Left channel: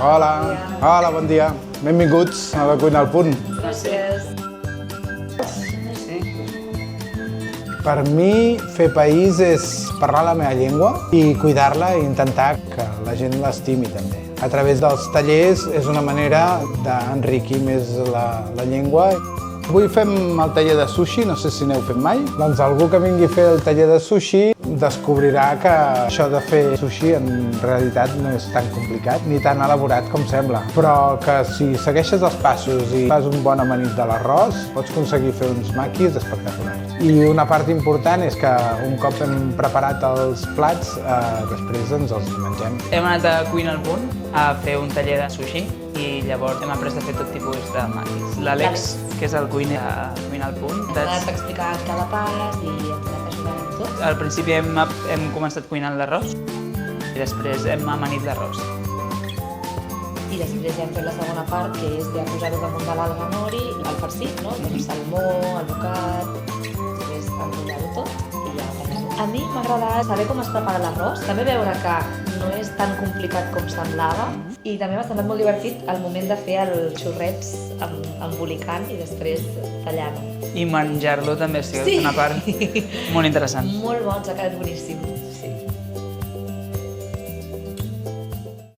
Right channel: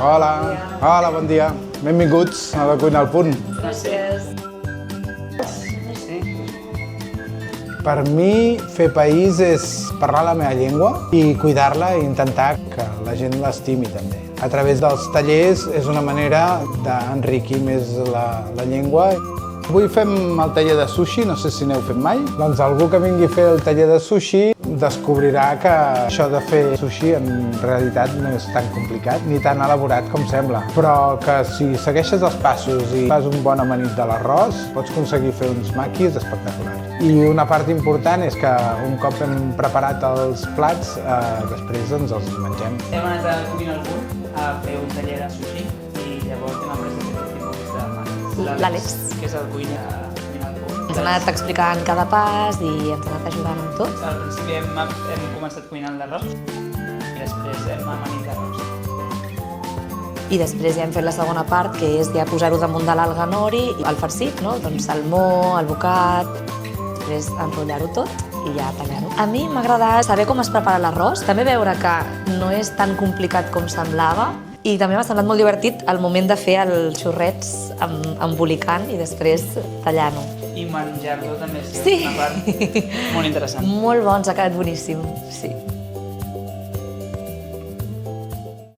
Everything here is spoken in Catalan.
Hola. Hola, bon dia. Benvinguts a la Cuina al Punt. Gràcies. Per mi, fer país és parlar la meva llengua i cuidar-la i intentar que la gent l'estimi també. A través dels tallers és una manera d'enriquir més la llengua. Avui fem el taller de sushi, no sé si n'heu fet mai. Doncs algú que vingui a fer el taller de sushi descobrirà que això de fer sushi en realitat no és tan complicat ni tan elaborat com sembla, però que si segueixes els passos i fas un bon amanit de l'arròs pots aconseguir fer uns maquis espectaculars. I una part important és que un cop hem preparat els plats, després ens els mengem. Hem anat a Cuina al Punt a fer un taller de sushi i llavors hem après a fer tot tipus de maquis. L'Àlex, que és el cuiner a Cuina al Punt. Ens ha anat explicant cada pas i ens ha anat ajudant amb tot. Al principi hem començat cuinant l'arròs i després hem amanit l'arròs. I després ja hem fet la segona part, que és ja posar-ho damunt de l'alga nori, el farcit, no? Doncs salmó, el bocat, després enrotllar-ho tot i ja apanem. A mi m'agrada saber com es prepara l'arròs, també veure que no és tan complicat com semblava i també m'ha semblat molt divertit el moment de fer els xorrets embolicant i després tallant-ho. I menjar-lo també ha sigut Sí. una part molt interessant. Molt bons, ha quedat boníssim, sí.